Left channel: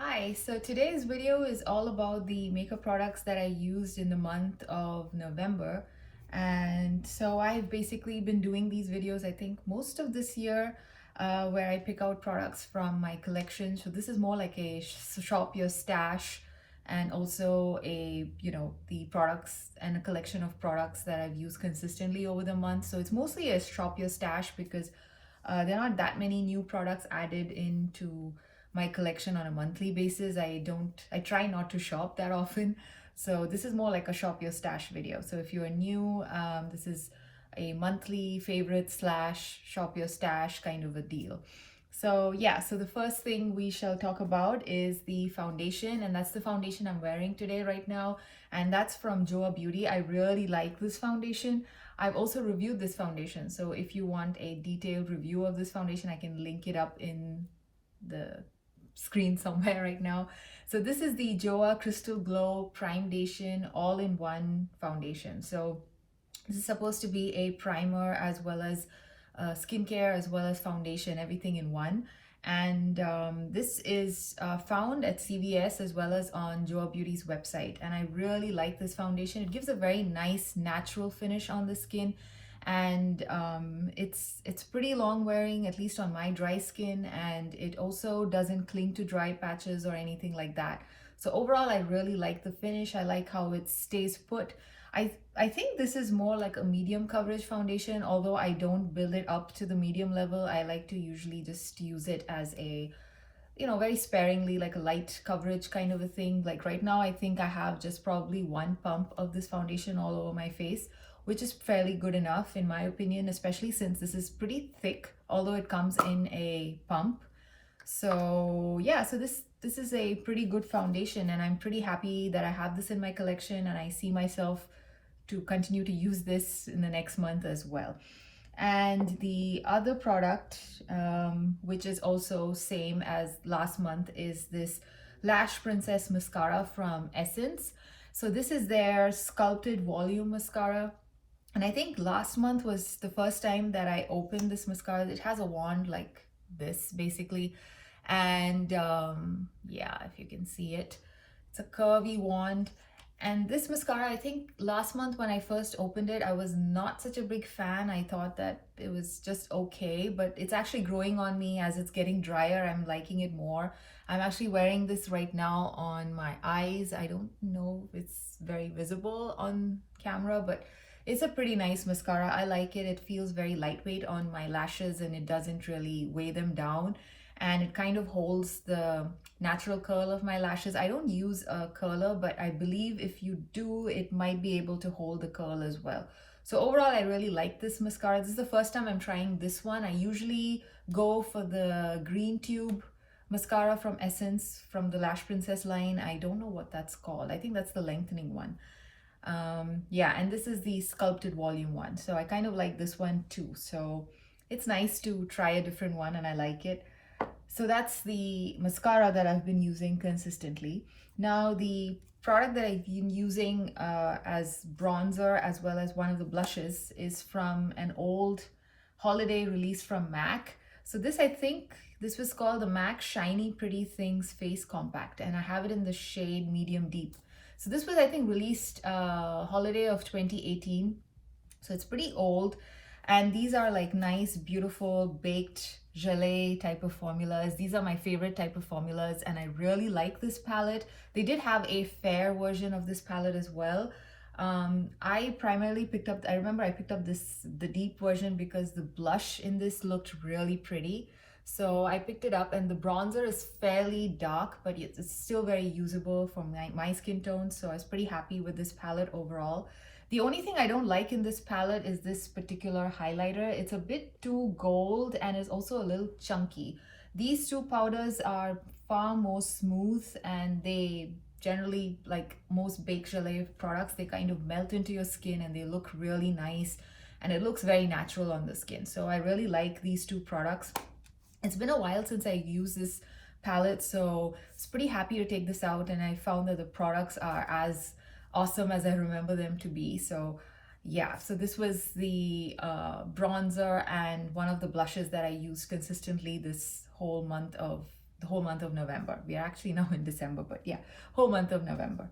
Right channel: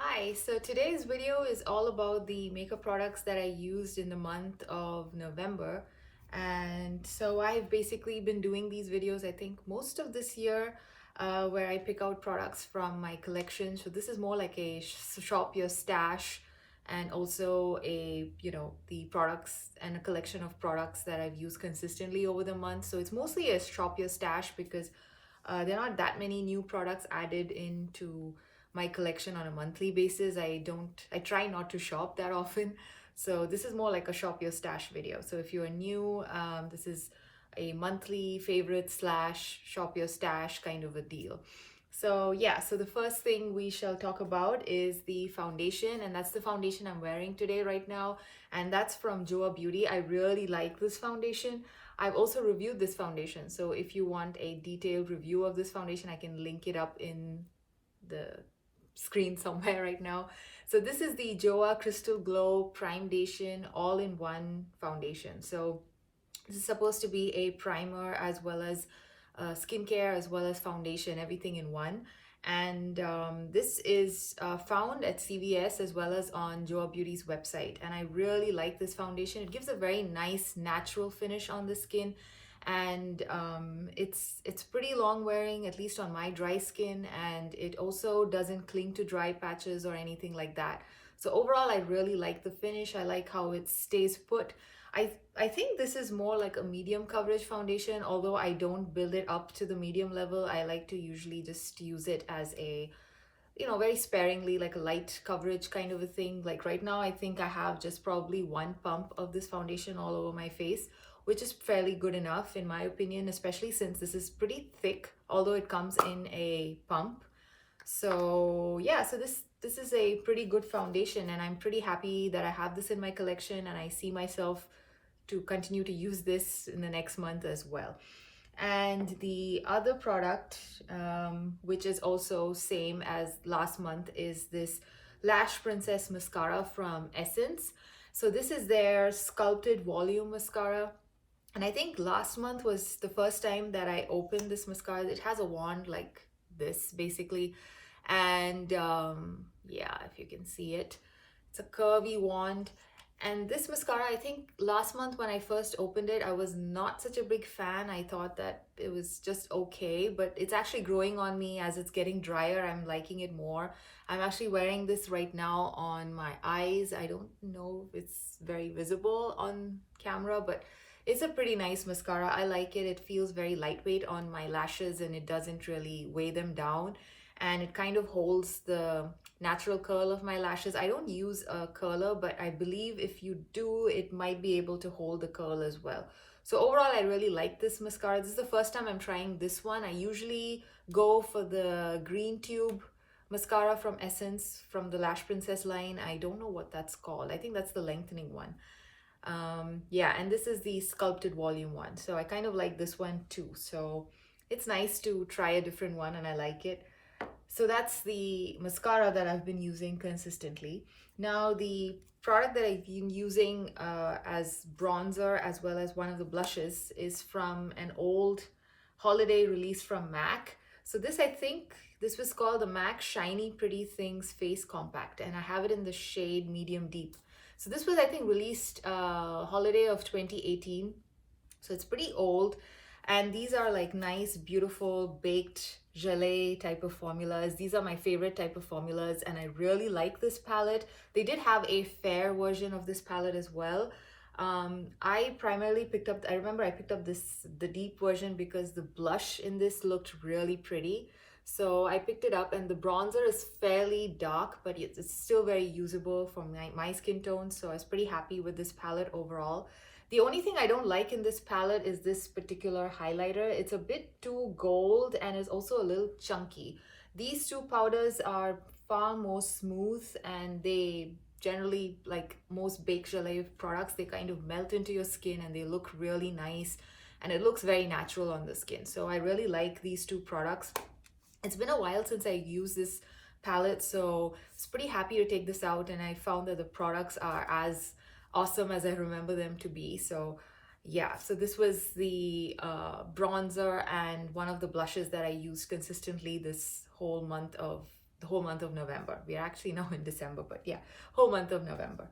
Hi, so today's video is all about the makeup products that I used in the month of November. And so I've basically been doing these videos, I think, most of this year, where I pick out products from my collection. So this is more like a shop your stash and also the products and a collection of products that I've used consistently over the month. So it's mostly a shop your stash because there aren't that many new products added into my collection on a monthly basis. I try not to shop that often. So this is more like a shop your stash video. So if you're new, this is a monthly favorite slash shop your stash kind of a deal. So yeah, so the first thing we shall talk about is the foundation, and that's the foundation I'm wearing today right now, and that's from Joah Beauty. I really like this foundation. I've also reviewed this foundation, so if you want a detailed review of this foundation, I can link it up in the screen somewhere right now. So this is the Joah Crystal Glow Primedation all-in-one foundation. So this is supposed to be a primer as well as skincare as well as foundation, everything in one. And this is found at CVS as well as on Joah Beauty's website. And I really like this foundation. It gives a very nice natural finish on the skin, and it's pretty long wearing, at least on my dry skin, and it also doesn't cling to dry patches or anything like that. So overall, I really like the finish. I like how it stays put. I think this is more like a medium coverage foundation, although I don't build it up to the medium level. I like to usually just use it as a, very sparingly, like a light coverage kind of a thing. Like right now, I think I have just probably one pump of this foundation all over my face, which is fairly good enough in my opinion, especially since this is pretty thick, although it comes in a pump. So yeah, so this is a pretty good foundation, and I'm pretty happy that I have this in my collection, and I see myself to continue to use this in the next month as well. And the other product, which is also same as last month, is this Lash Princess mascara from Essence. So this is their sculpted volume mascara, and I think last month was the first time that I opened this mascara. It has a wand like this basically, and yeah, if you can see it, it's a curvy wand. And this mascara, I think last month when I first opened it, I was not such a big fan. I thought that it was just okay, but it's actually growing on me as it's getting drier. I'm liking it more. I'm actually wearing this right now on my eyes. I don't know if it's very visible on camera, but it's a pretty nice mascara. I like it. It feels very lightweight on my lashes, and it doesn't really weigh them down. And it kind of holds the natural curl of my lashes. I don't use a curler, but I believe if you do, it might be able to hold the curl as well. So overall, I really like this mascara. This is the first time I'm trying this one. I usually go for the green tube mascara from Essence from the Lash Princess line. I don't know what that's called. I think that's the lengthening one. Yeah, and this is the sculpted volume one. So I kind of like this one too. So it's nice to try a different one, and I like it. So that's the mascara that I've been using consistently. Now the product that I've been using as bronzer as well as one of the blushes is from an old holiday release from MAC. So this, I think this was called the MAC Shiny Pretty Things Face Compact, and I have it in the shade medium deep. So this was, I think, released holiday of 2018. So it's pretty old. And these are like nice, beautiful, baked gelée type of formulas. These are my favorite type of formulas, and I really like this palette. They did have a fair version of this palette as well. I primarily picked up, I remember I picked up the deep version because the blush in this looked really pretty. So I picked it up, and the bronzer is fairly dark, but it's still very usable for my skin tone. So I was pretty happy with this palette overall. The only thing I don't like in this palette is this particular highlighter. It's a bit too gold and is also a little chunky. These two powders are far more smooth, and they generally, like most baked gelée products, they kind of melt into your skin and they look really nice, and it looks very natural on the skin. So I really like these two products. It's been a while since I used this palette, so I was pretty happy to take this out, and I found that the products are as awesome as I remember them to be. So yeah, so this was the bronzer and one of the blushes that I used consistently this whole month of the whole month of November. We are actually now in December, but yeah, whole month of November.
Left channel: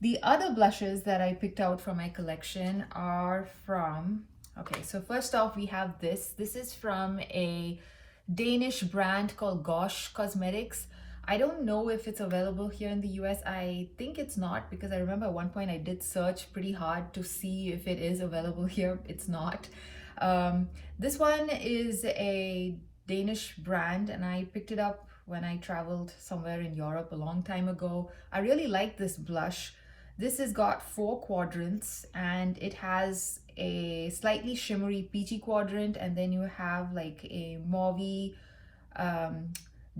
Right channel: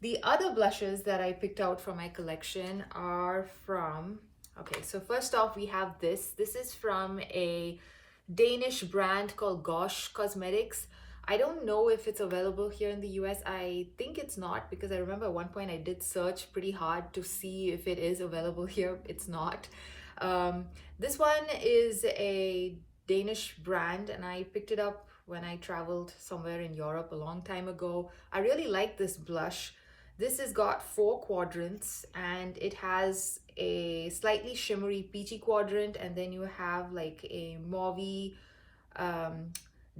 The other blushes that I picked out from my collection are from, okay, so first off we have this. This is from a Danish brand called Gosh Cosmetics. I don't know if it's available here in the US. I think it's not, because I remember at one point I did search pretty hard to see if it is available here. It's not. This one is a Danish brand and I picked it up when I traveled somewhere in Europe a long time ago. I really like this blush. This has got 4 quadrants and it has a slightly shimmery peachy quadrant, and then you have like a mauvey,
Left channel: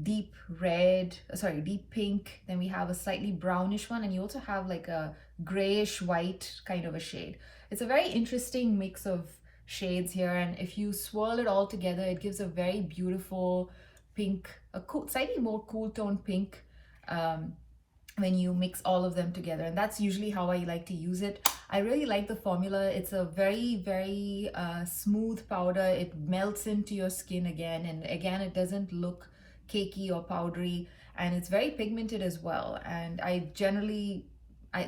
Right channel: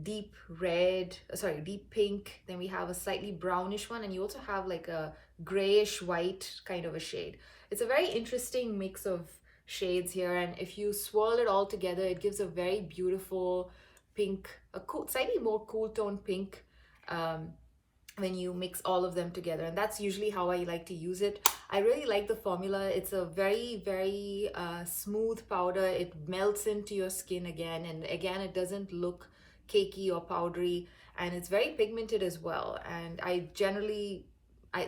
deep red, sorry, deep pink. Then we have a slightly brownish one, and you also have like a grayish white kind of a shade. It's a very interesting mix of shades here, and if you swirl it all together, it gives a very beautiful pink, a cool, slightly more cool tone pink, when you mix all of them together. And that's usually how I like to use it. I really like the formula. It's a very smooth powder. It melts into your skin again, and again it doesn't look cakey or powdery, and it's very pigmented as well. And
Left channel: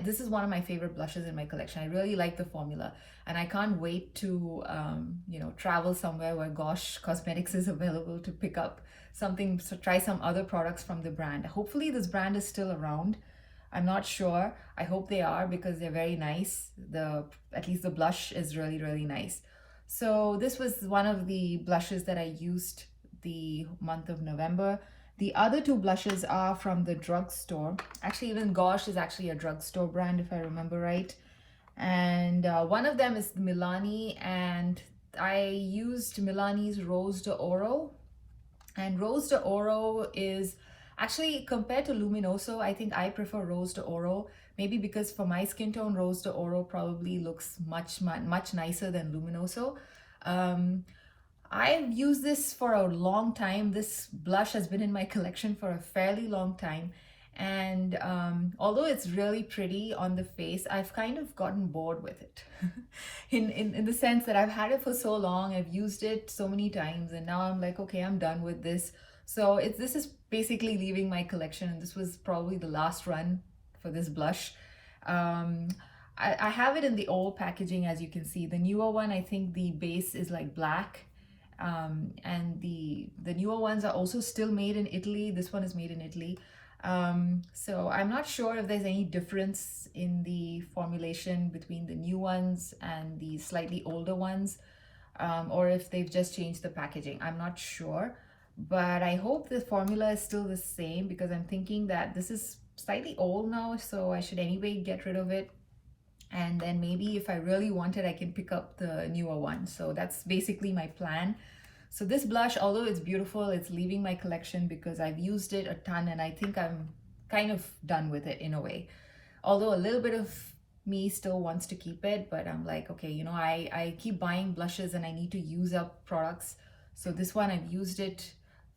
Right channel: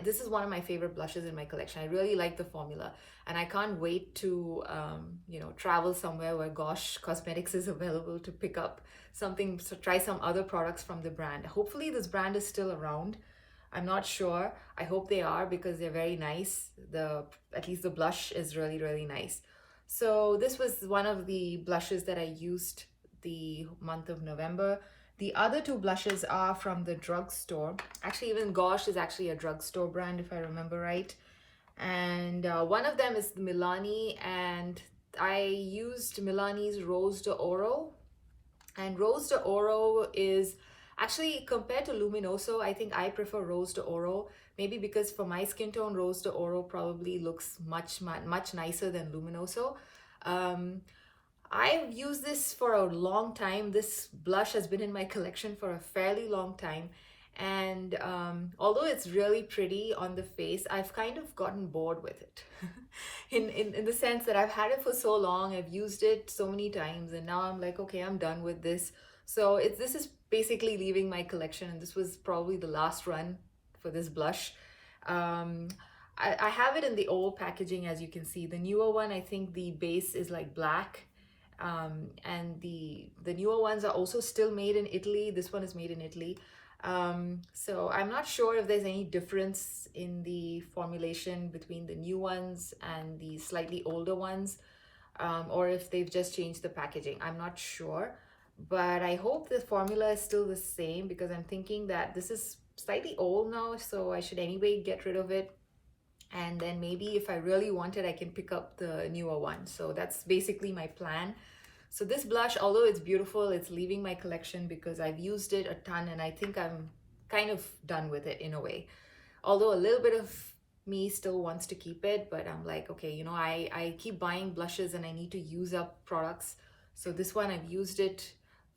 this is one of my favorite blushes in my collection. I really like the formula, and I can't wait to travel somewhere where Gosh Cosmetics is available to pick up something, so try some other products from the brand. Hopefully this brand is still around. I'm not sure. I hope they are, because they're very nice. At least the blush is really nice. So this was one of the blushes that I used the month of November. The other 2 blushes are from the drugstore. Actually, even Gosh is actually a drugstore brand, if I remember right. And one of them is Milani, and I used Milani's Rose d'Oro. And Rose d'Oro is actually, compared to Luminoso, I think I prefer Rose d'Oro. Maybe because for my skin tone, Rose d'Oro probably looks much nicer than Luminoso. I've used this for a long time. This blush has been in my collection for a fairly long time. And although it's really pretty on the face, I've kind of gotten bored with it. in the sense that I've had it for so long, I've used it so many times, and now I'm like, okay, I'm done with this. So this is basically leaving my collection, and this was probably the last run for this blush. I have it in the old packaging, as you can see. The newer one, I think the base is like black. And the newer ones are also still made in Italy. This one is made in Italy. So I'm not sure if there's any difference in the formulation between the new ones and the slightly older ones, or if they've just changed the packaging. I'm not sure, but I hope the formula is still the same, because I'm thinking that this is slightly old now, so I should anyway get rid of it. And then maybe if I really want it, I can pick up the newer one. So that's basically my plan. So this blush, although it's beautiful, it's leaving my collection because I've used it a ton, and I think I'm kind of done with it in a way. Although a little bit of me still wants to keep it, but I'm like, okay, I keep buying blushes and I need to use up products. So this one, I've used it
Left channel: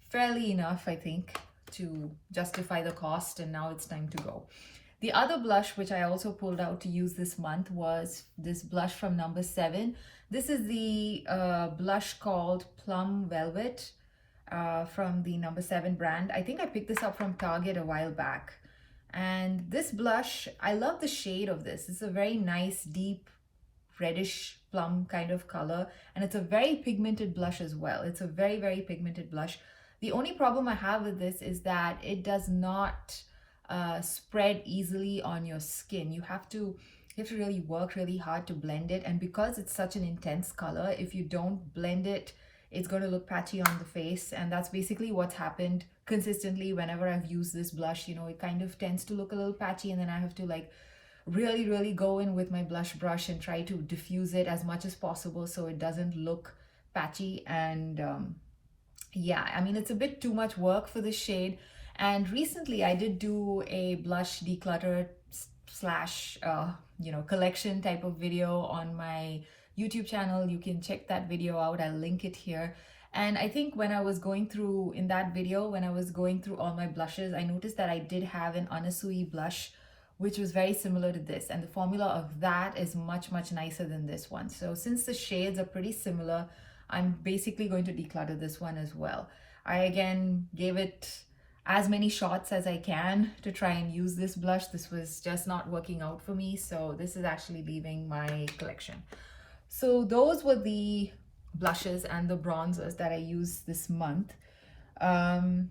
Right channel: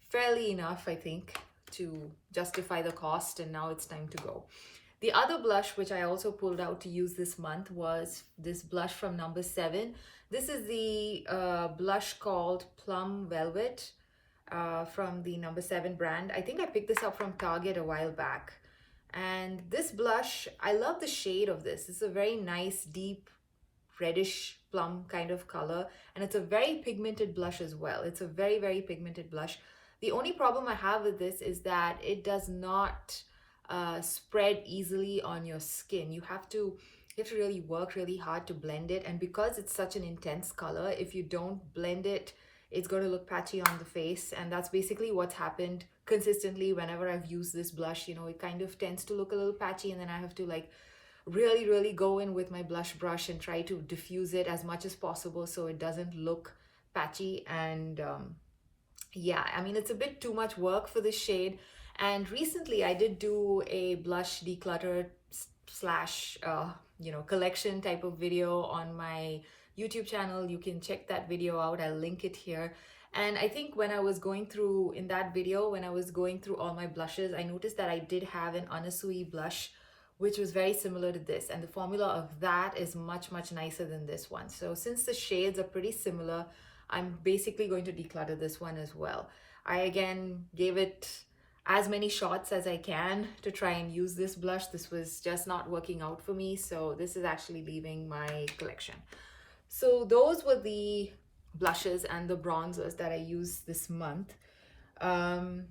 fairly enough, I think, to justify the cost, and now it's time to go. The other blush which I also pulled out to use this month was this blush from number 7. This is the blush called Plum Velvet from the number 7 brand. I think I picked this up from Target a while back. And this blush, I love the shade of this. It's a very nice, deep, reddish plum kind of color. And it's a very pigmented blush as well. It's a very pigmented blush. The only problem I have with this is that it does not spread easily on your skin. You have to really work really hard to blend it, and because it's such an intense color, if you don't blend it, it's going to look patchy on the face. And that's basically what's happened consistently whenever I've used this blush. It kind of tends to look a little patchy, and then I have to like really go in with my blush brush and try to diffuse it as much as possible so it doesn't look patchy. And yeah, I mean, it's a bit too much work for this shade. And recently I did do a blush declutter slash collection type of video on my YouTube channel. You can check that video out. I'll link it here. And I think when I was going through in that video, when I was going through all my blushes, I noticed that I did have an Anasui blush which was very similar to this, and the formula of that is much nicer than this one. So since the shades are pretty similar, I'm basically going to declutter this one as well. I again gave it, as many shots as I can to try and use this blush. This was just not working out for me, so this is actually leaving my collection. So those were the blushes and the bronzers that I used this month. And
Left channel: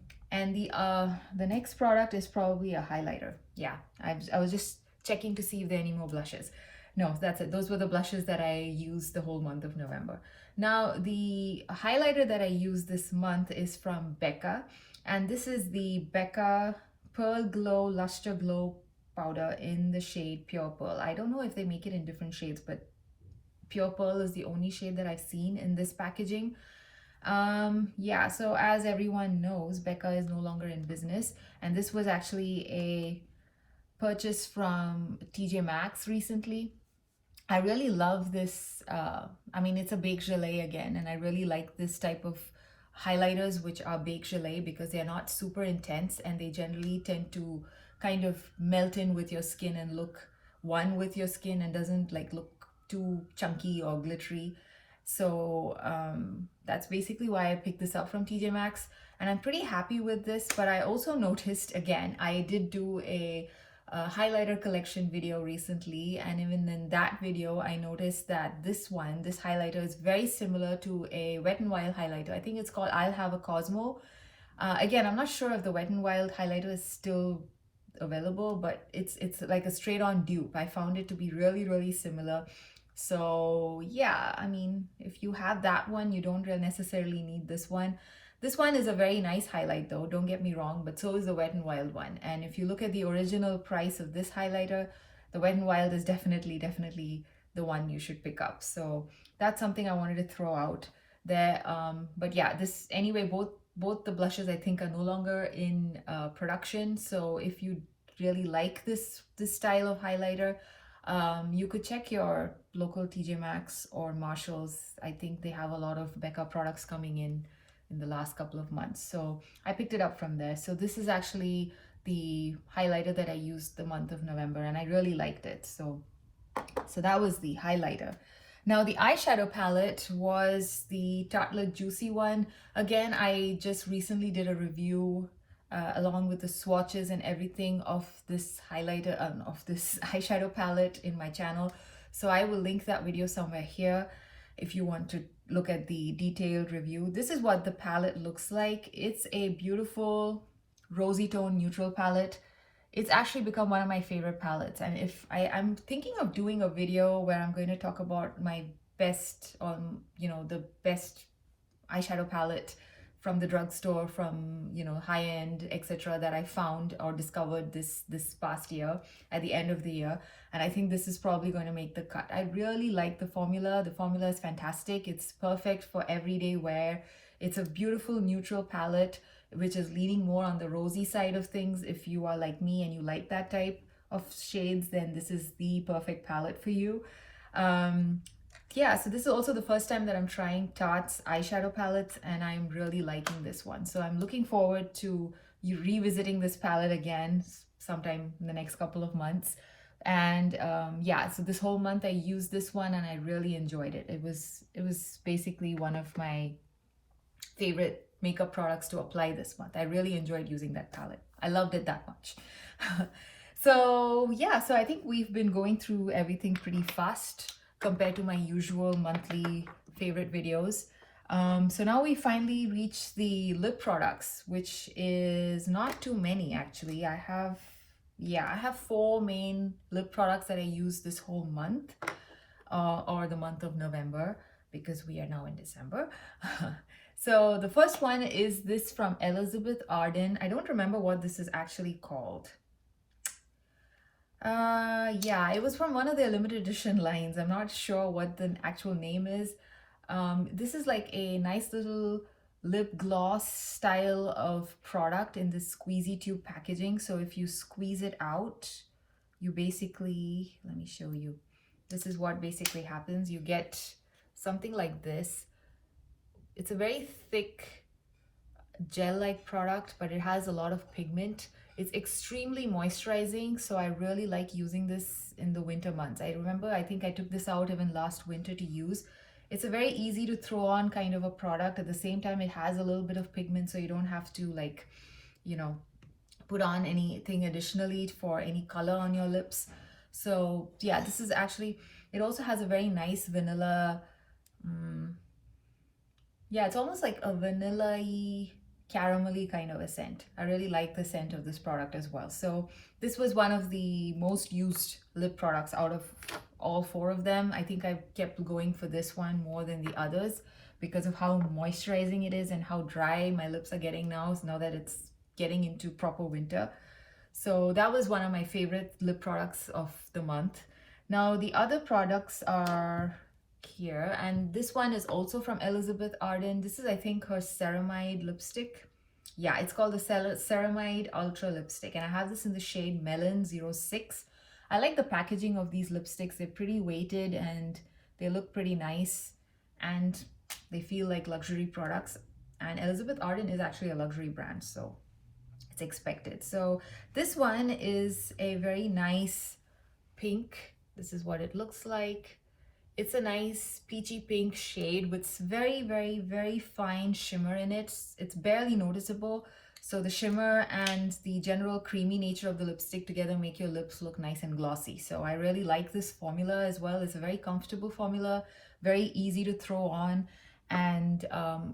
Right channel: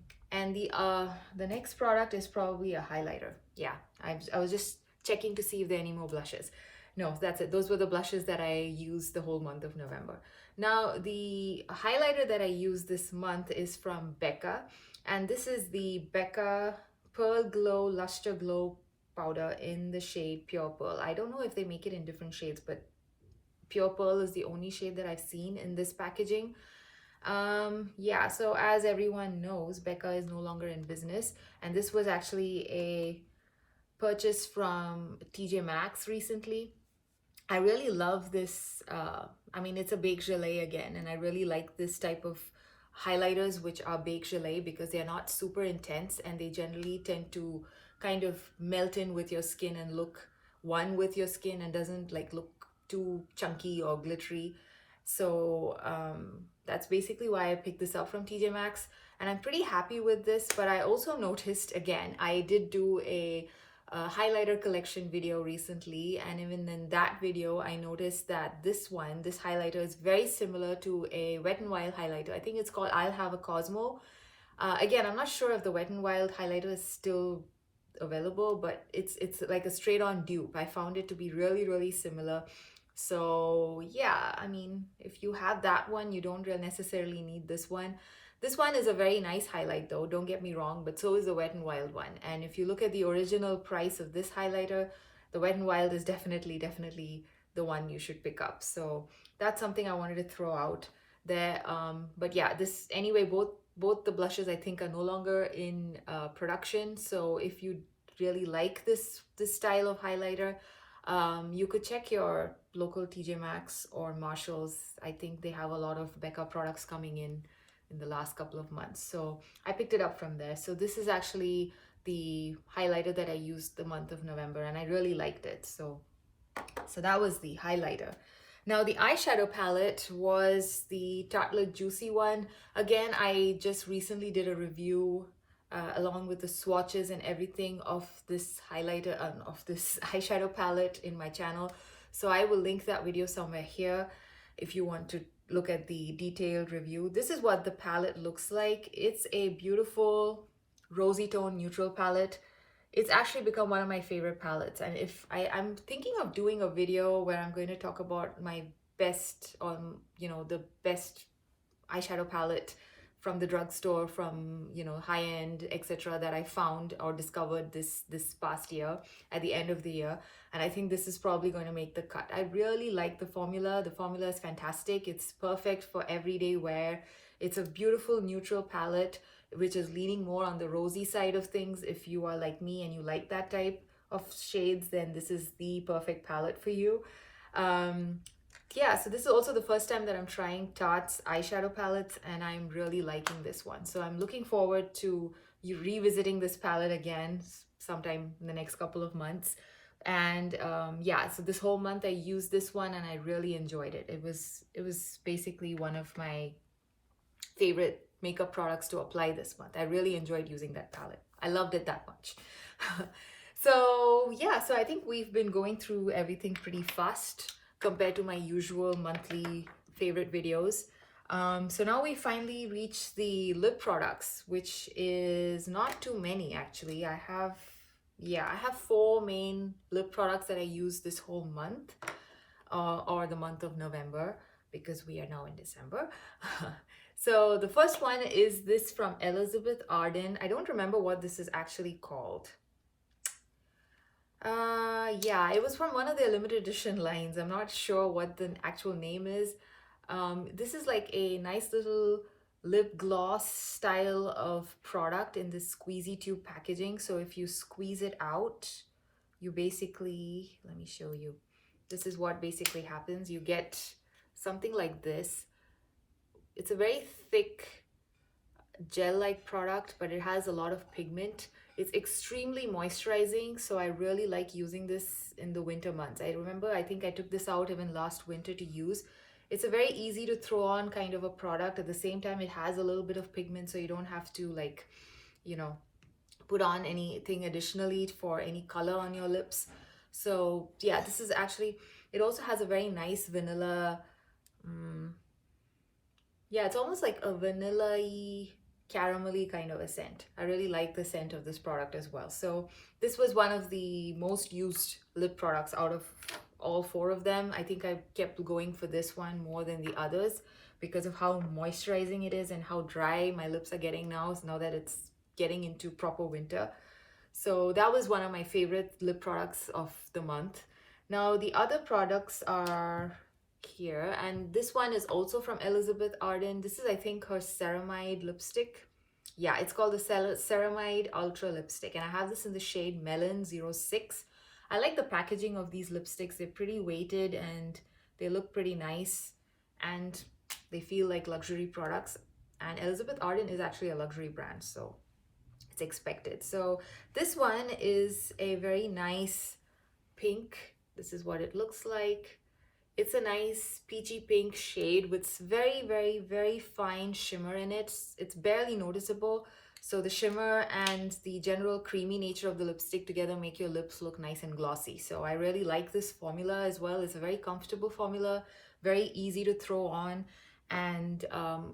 the next product is probably a highlighter. Yeah, I was just checking to see if there are any more blushes. No, that's it. Those were the blushes that I used the whole month of November. Now, the highlighter that I used this month is from Becca, and this is the Becca Pearl Glow Luster Glow powder in the shade Pure Pearl. I don't know if they make it in different shades, but Pure Pearl is the only shade that I've seen in this packaging. Yeah, so as everyone knows, Becca is no longer in business, and this was actually a purchase from TJ Maxx recently. I really love this. I mean, it's a baked gelée again, and I really like this type of highlighters, which are baked gelée, because they're not super intense and they generally tend to kind of melt in with your skin and look one with your skin and doesn't like look too chunky or glittery. So that's basically why I picked this up from TJ Maxx, and I'm pretty happy with this. But I also noticed, again, I did do a highlighter collection video recently, and even in that video I noticed that this highlighter is very similar to a Wet n Wild highlighter. I think it's called I'll Have a Cosmo. Again, I'm not sure if the Wet n Wild highlighter is still available, but it's like a straight on dupe. I found it to be really similar. So yeah, I mean, if you have that one, you don't really necessarily need this one. This one is a very nice highlight though, don't get me wrong, but so is the Wet n Wild one. And if you look at the original price of this highlighter, the Wet n Wild is definitely the one you should pick up. So that's something I wanted to throw out there. But yeah, this anyway, both the blushes I think are no longer in production. So if you really like this style of highlighter, you could check your local TJ Maxx or Marshalls. I think they have a lot of Becca products coming in the last couple of months. So I picked it up from there. So this is actually the highlighter that I used the month of November, and I really liked it. So that was the highlighter. Now the eyeshadow palette was the Tarte Juicy one. Again, I just recently did a review along with the swatches and everything of this highlighter, of this eyeshadow palette in my channel. So I will link that video somewhere here if you want to look at the detailed review. This is what the palette looks like. It's a beautiful rosy tone neutral palette. It's actually become one of my favorite palettes, and if I'm thinking of doing a video where I'm going to talk about my best, the best eyeshadow palette from the drugstore, from high end, etc., that I found or discovered this past year at the end of the year. And I think this is probably going to make the cut. I really like the formula. The formula is fantastic. It's perfect for everyday wear. It's a beautiful neutral palette, which is leaning more on the rosy side of things. If you are like me and you like that type of shades, then this is the perfect palette for you. Yeah, so this is also the first time that I'm trying Tarte's eyeshadow palettes, and I'm really liking this one. So I'm looking forward to you revisiting this palette again sometime in the next couple of months. And yeah, so this whole month I used this one and I really enjoyed it. It was basically one of my favorite makeup products to apply this month. I really enjoyed using that palette. I loved it that much. So yeah, so I think we've been going through everything pretty fast compared to my usual monthly favorite videos. So now we finally reached the lip products, which is not too many actually. I have 4 main lip products that I use this whole month, or the month of November, because we are now in December. So the first one is this from Elizabeth Arden. I don't remember what this is actually called. Yeah, it was from one of their limited edition lines. I'm not sure what the actual name is. This is like a nice little lip gloss style of product in this squeezy tube packaging. So if you squeeze it out, you basically, let me show you. This is what basically happens. You get something like this. It's a very thick gel-like product, but it has a lot of pigment. It's extremely moisturizing, so I really like using this in the winter months. I remember, I think I took this out even last winter to use. It's a very easy to throw on kind of a product. At the same time, it has a little bit of pigment, so you don't have to like you know, put on anything additionally for any color on your lips. So yeah, this is actually, it also has a very nice vanilla, yeah, it's almost like a vanilla-y, caramelly kind of a scent. I really like the scent of this product as well. So this was one of the most used lip products out of all four of them. I think I kept going for this one more than the others because of how moisturizing it is and how dry my lips are getting now that it's getting into proper winter. So that was one of my favorite lip products of the month. Now the other products are here, and this one is also from Elizabeth Arden. This is, I think, her ceramide lipstick. Yeah, it's called the Ceramide Ultra Lipstick, and I have this in the shade Melon 06. I like the packaging of these lipsticks. They're pretty weighted and they look pretty nice and they feel like luxury products. And Elizabeth Arden is actually a luxury brand, so it's expected. So this one is a very nice pink. This is what it looks like. It's a nice peachy pink shade with very, very, very fine shimmer in it. It's barely noticeable. So the shimmer and the general creamy nature of the lipstick together make your lips look nice and glossy. So I really like this formula as well. It's a very comfortable formula, very easy to throw on. And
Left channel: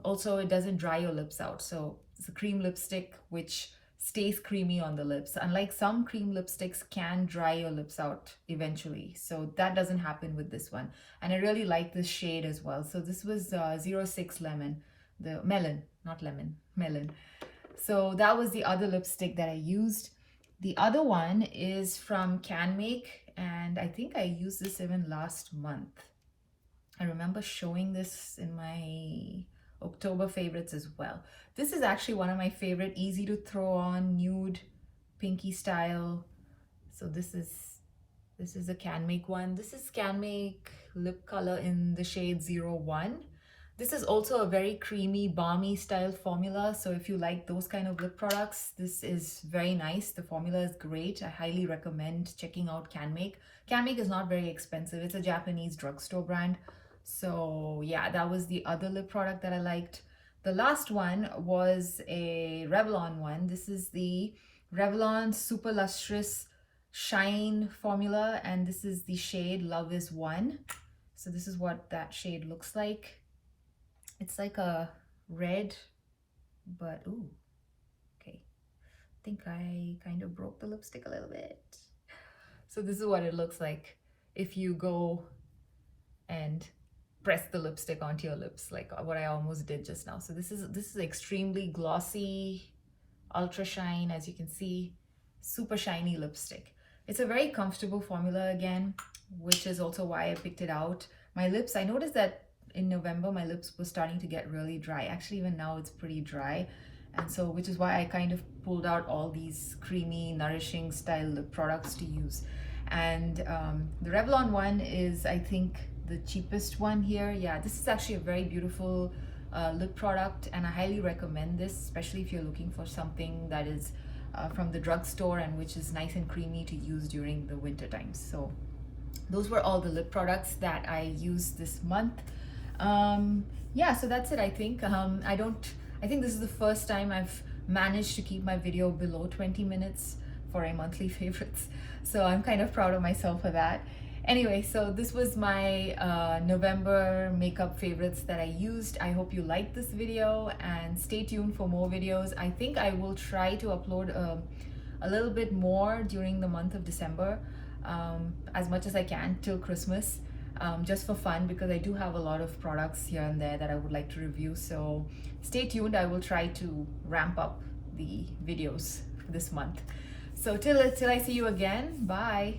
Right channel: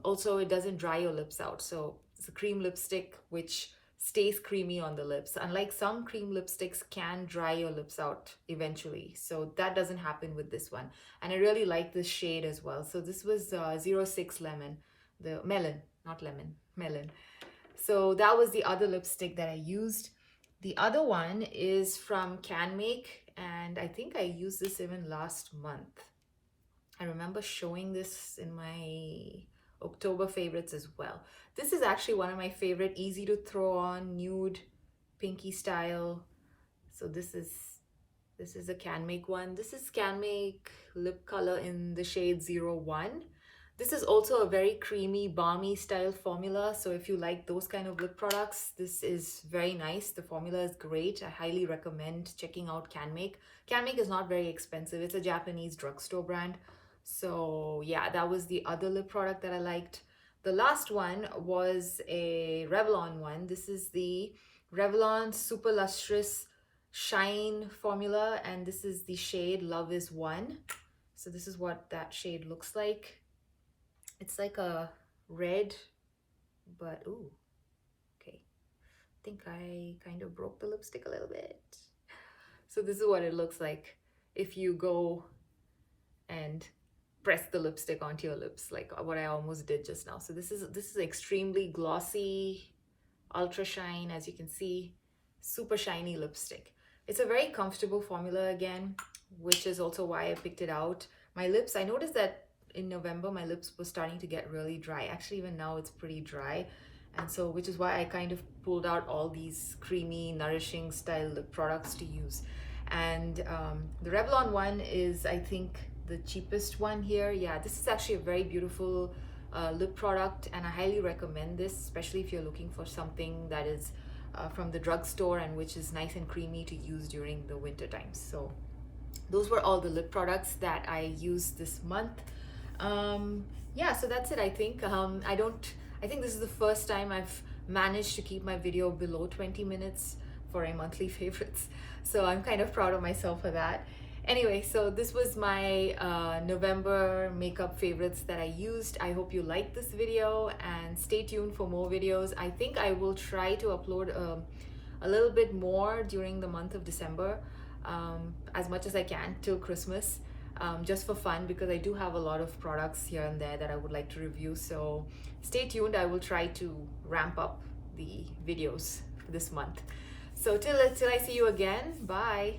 also it doesn't dry your lips out. So it's a cream lipstick which stays creamy on the lips, unlike some cream lipsticks can dry your lips out eventually. So that doesn't happen with this one. And I really like this shade as well. So this was 06 Lemon, the melon, not lemon, melon. So that was the other lipstick that I used. The other one is from Can Make, and I think I used this even last month. I remember showing this in my October favorites as well. This is actually one of my favorite, easy to throw on, nude, pinky style. So this is a Can Make one. This is Can Make lip color in the shade 01. This is also a very creamy, balmy style formula. So if you like those kind of lip products, this is very nice. The formula is great. I highly recommend checking out Can Make. Can Make is not very expensive. It's a Japanese drugstore brand. So yeah, that was the other lip product that I liked. The last one was a Revlon one. This is the Revlon Super Lustrous Shine formula, and this is the shade Love Is One. So this is what that shade looks like. It's like a red, but ooh, okay. I think I kind of broke the lipstick a little bit. So this is what it looks like if you go and press the lipstick onto your lips, like what I almost did just now. So this is extremely glossy, ultra shine, as you can see, super shiny lipstick. It's a very comfortable formula again, which is also why I picked it out. My lips, I noticed that in November my lips were starting to get really dry. Actually, even now it's pretty dry, and so which is why I kind of pulled out all these creamy, nourishing style lip products to use. And the Revlon one is, I think, the cheapest one here. Yeah, this is actually a very beautiful lip product, and I highly recommend this, especially if you're looking for something that is from the drugstore and which is nice and creamy to use during the winter times. So those were all the lip products that I used this month. Yeah, so that's it. I think I think this is the first time I've managed to keep my video below 20 minutes for a monthly favorites, so I'm kind of proud of myself for that. Anyway, so this was my November makeup favorites that I used. I hope you liked this video, and stay tuned for more videos. I think I will try to upload a little bit more during the month of December, as much as I can till Christmas, just for fun, because I do have a lot of products here and there that I would like to review. So stay tuned. I will try to ramp up the videos for this month. So till I see you again, bye.